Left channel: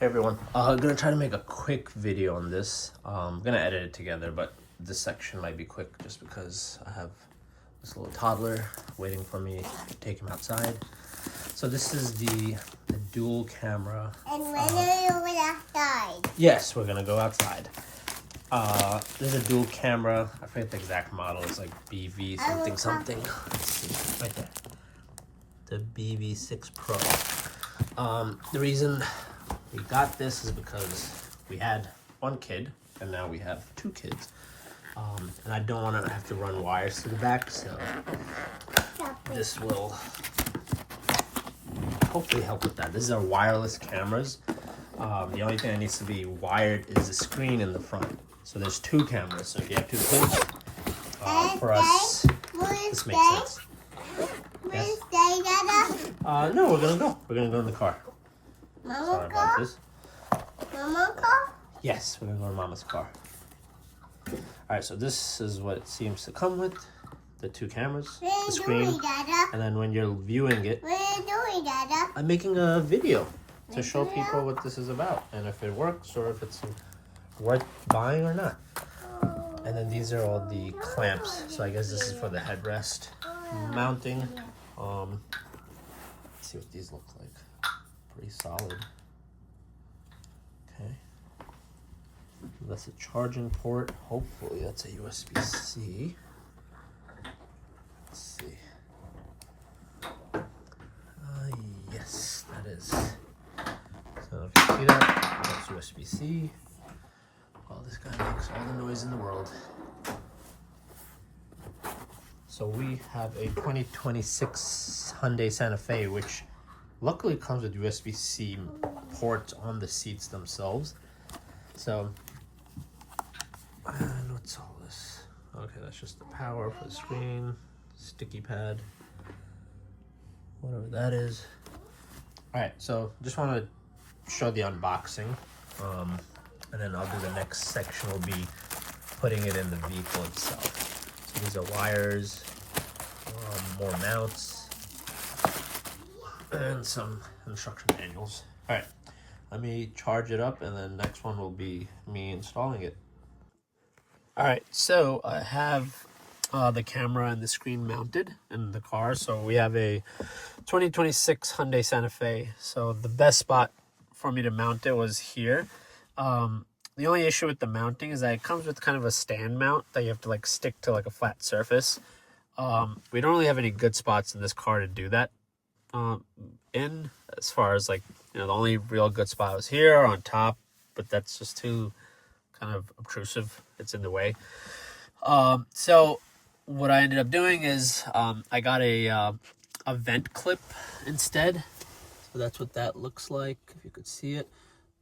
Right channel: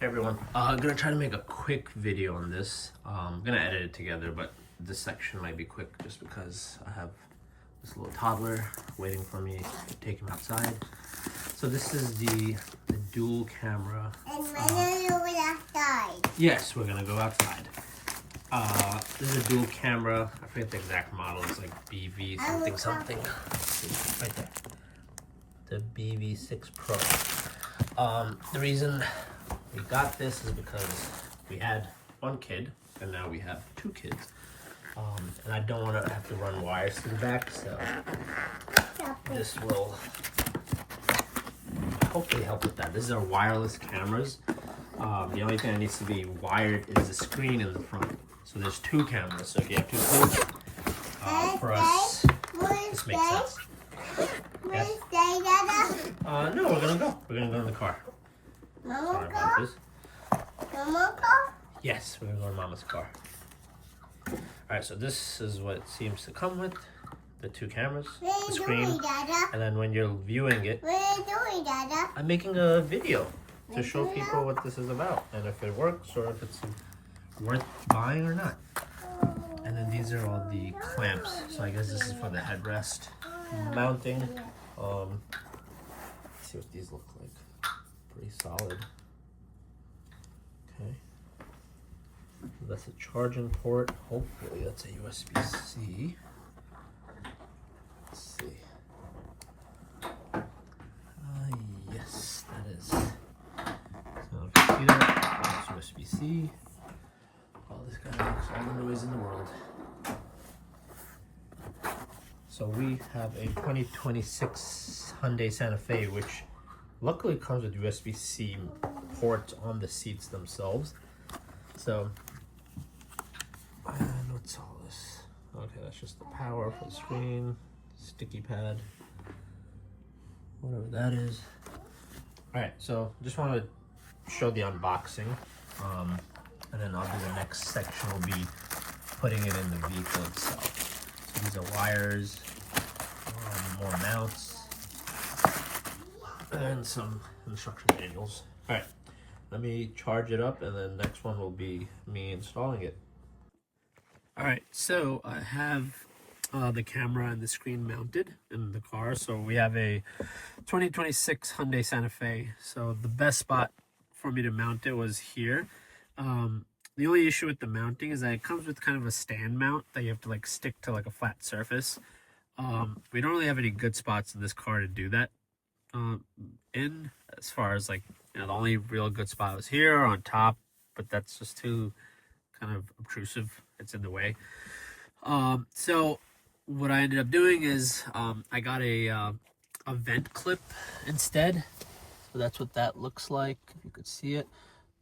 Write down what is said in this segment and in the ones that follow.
Hey everyone, I'm gonna try to make a quick video on this. I'm gonna edit it together, but this section might be quick just because I have this little toddler waiting for me to take him outside. So this is the dual camera. And when are you going outside? Yes, we're gonna go outside. This is a dual camera. I forget the exact model. It's like BV something. Right there. The BV6PRO. The reason we got this is because we had one kid and now we have two kids. And I don't want to have to run wires to the back, so this will hopefully help with that. These are wireless cameras. The only thing that needs to be wired is the screen in the front. So there's two cameras, so if you have two kids, for us, this makes sense. Yes? No, we're gonna go. We're gonna go in the car. Sorry about this. Mama's car? Yes, we're gonna go in Mama's car. Alright, so this is what it seems to come with. The two cameras, the screen, and then when you're viewing it, what are you doing, Dada? I'm making a video to show people what this is about and if it works or if it's worth buying or not. And then these are all the clamps. So I guess this is for the headrest mounting. Let's see what these look like. Pretty solid. Okay. That's a charging port. Hopefully that's a USB-C. Let's see. Yes, that is. So if you see that, that's USB-C. Oh, this guy makes all the noise in the world. So we have a 2026 Hyundai Santa Fe, which luckily comes with USB-C ports on the seats themselves. So, and what's all this? Okay, that's just the power for the screen, sticky pad, whatever that is. All right, so just want to show the unboxing, and then I'll do the next section. Will be putting it in the vehicle itself. So these are wires, more mounts, and some instruction manuals. All right, let me charge it up, and then next one will be me installing it. All right, so I have the camera and the screen mounted in the car. So we have a 2026 Hyundai Santa Fe. So the best spot for me to mount it was here. The only issue with the mounting is that it comes with kind of a stand mount that you have to like stick to like a flat surface. We don't really have any good spots in this car to do that as far as like, you know, the only real good spot was here on top, but that's just too kind of obtrusive. It's in the way. So what I ended up doing is I got a vent clip instead. So that's what that looks like, if you could see it.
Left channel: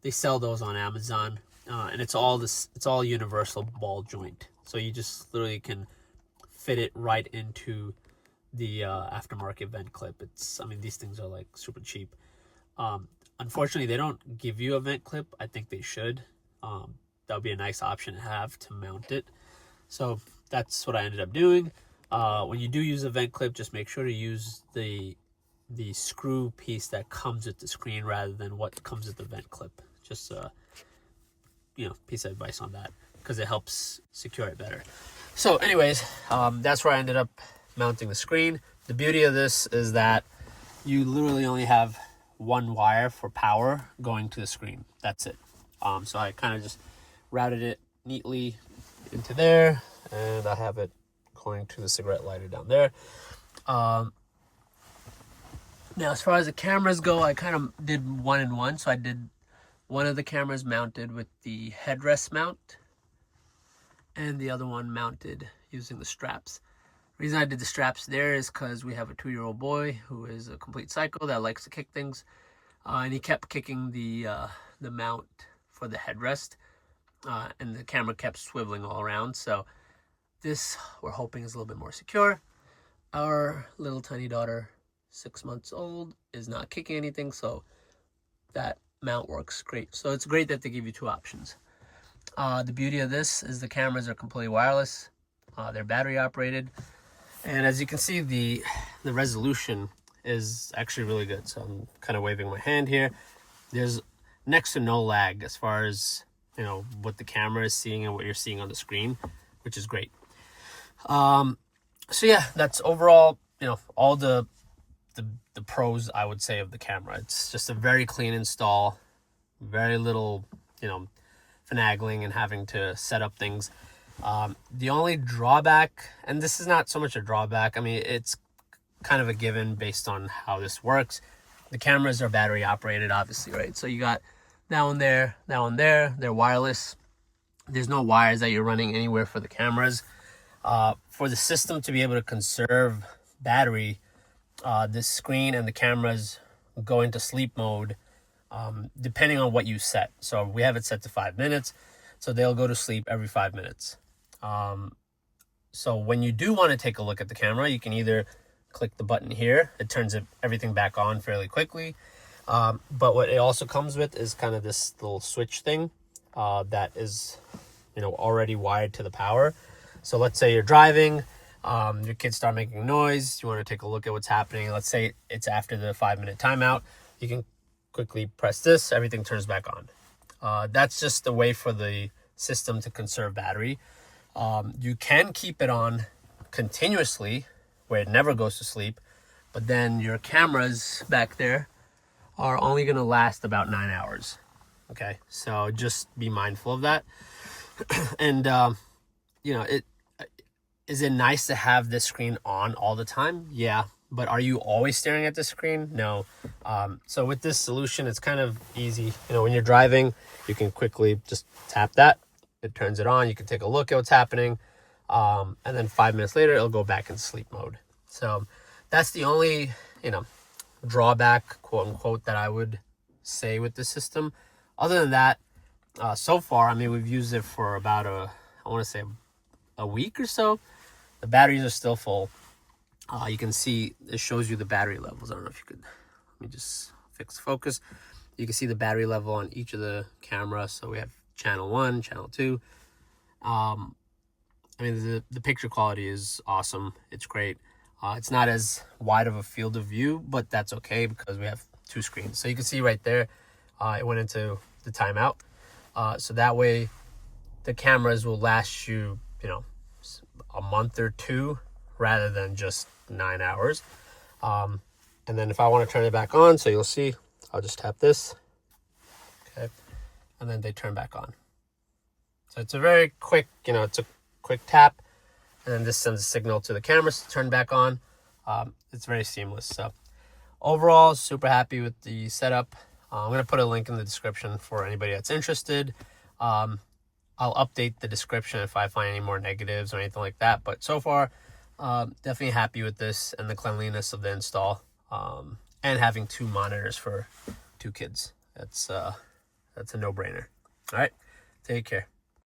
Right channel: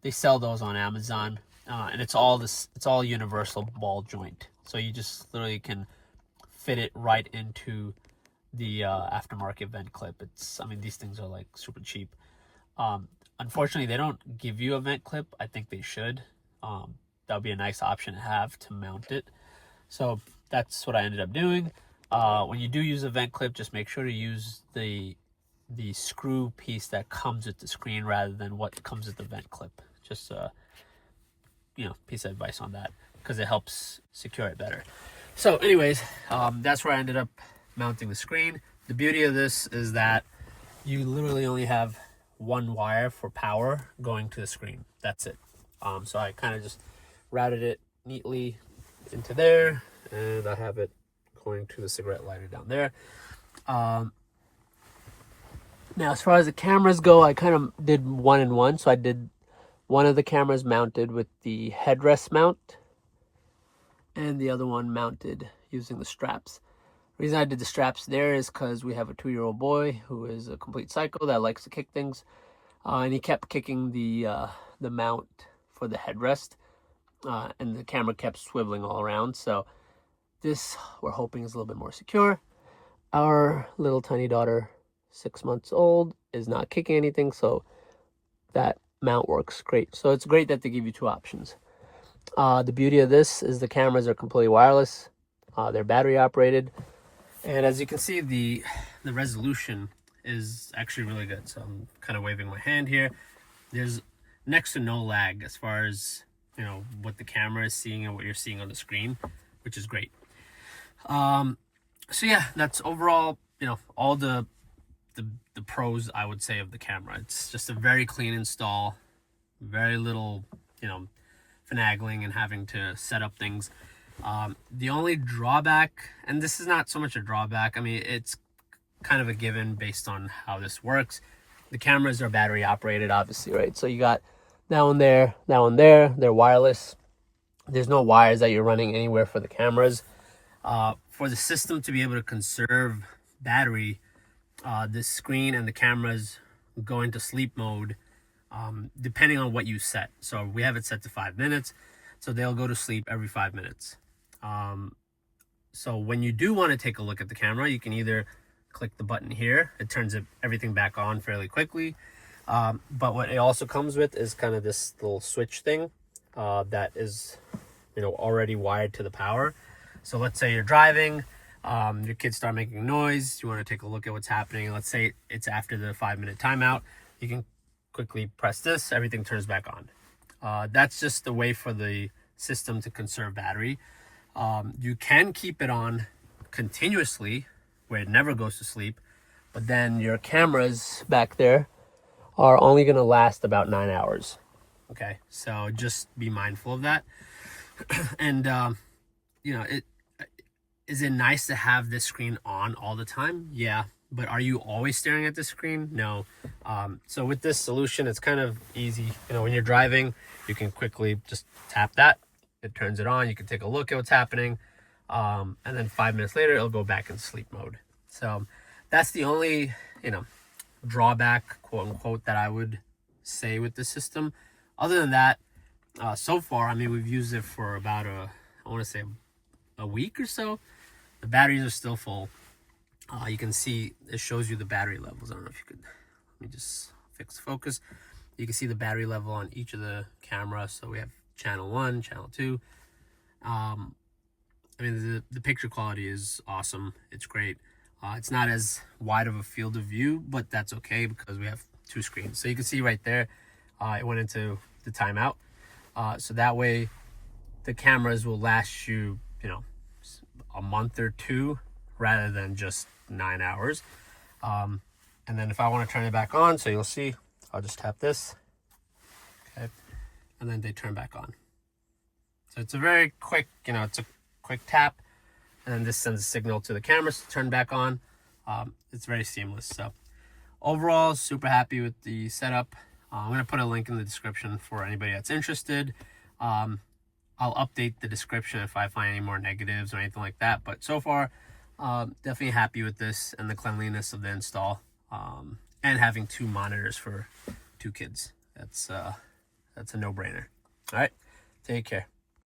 They sell those on Amazon, and it's all universal ball joint. So you just literally can fit it right into the aftermarket vent clip. I mean, these things are like super cheap. Unfortunately, they don't give you a vent clip. I think they should. That would be a nice option to have to mount it. So that's what I ended up doing. When you do use a vent clip, just make sure to use the screw piece that comes with the screen rather than what comes with the vent clip. Just piece of advice on that, because it helps secure it better. So anyways, that's where I ended up mounting the screen. The beauty of this is that you literally only have one wire for power going to the screen. That's it. So I kind of just routed it neatly into there, and I have it going to the cigarette lighter down there. Now, as far as the cameras go, I kind of did one in one. So I did one of the cameras mounted with the headrest mount, and the other one mounted using the straps. The reason I did the straps there is because we have a 2-year-old boy who is a complete psycho that likes to kick things, and he kept kicking the mount for the headrest, and the camera kept swiveling all around. So this, we're hoping, is a little bit more secure. Our little tiny daughter, 6 months old, is not kicking anything, so that mount works great. So it's great that they give you two options. The beauty of this is the cameras are completely wireless. They're battery operated, and as you can see, the resolution is actually really good. So I'm kind of waving my hand here. There's next to no lag as far as, you know, what the camera is seeing and what you're seeing on the screen, which is great. So yeah, that's overall, you know, all the pros, I would say, of the camera. It's just a very clean install, very little, you know, finagling and having to set up things. The only drawback, and this is not so much a drawback, I mean, it's kind of a given based on how this works. The cameras are battery operated, obviously, right? So you got that one there, that one there, they're wireless. There's no wires that you're running anywhere for the cameras. For the system to be able to conserve battery, this screen and the cameras go into sleep mode depending on what you set. So we have it set to 5 minutes, so they'll go to sleep every 5 minutes. So when you do want to take a look at the camera, you can either click the button here. It turns everything back on fairly quickly. But what it also comes with is kind of this little switch thing that is, you know, already wired to the power. So let's say you're driving, your kids start making noise, you want to take a look at what's happening. Let's say it's after the 5-minute timeout. You can quickly press this, everything turns back on. That's just the way for the system to conserve battery. You can keep it on continuously where it never goes to sleep, but then your cameras back there are only going to last about 9 hours. Okay, so just be mindful of that. And you know, is it nice to have this screen on all the time? Yeah, but are you always staring at the screen? No. So with this solution, it's kind of easy. You know, when you're driving, you can quickly just tap that. It turns it on. You can take a look at what's happening. And then 5 minutes later, it'll go back in sleep mode. So that's the only, you know, drawback, quote unquote, that I would say with the system. Other than that, so far, I mean, we've used it for about I want to say a week or so. The batteries are still full. You can see it shows you the battery levels. I don't know if you could, let me just fix focus. You can see the battery level on each of the cameras. So we have channel 1, channel 2. I mean, the picture quality is awesome. It's great. It's not as wide of a field of view, but that's okay because we have 2 screens. So you can see right there, it went into the timeout. So that way the cameras will last you, you know, a month or 2 rather than just 9 hours. And then if I want to turn it back on, so you'll see, I'll just tap this. Okay. And then they turn back on. So it's a very quick, you know, it's a quick tap. And then this sends a signal to the cameras to turn back on. It's very seamless. So overall, super happy with the setup. I'm going to put a link in the description for anybody that's interested. I'll update the description if I find any more negatives or anything like that. But so far, definitely happy with this and the cleanliness of the install. And having 2 monitors for 2 kids. That's a no-brainer. All right, take care.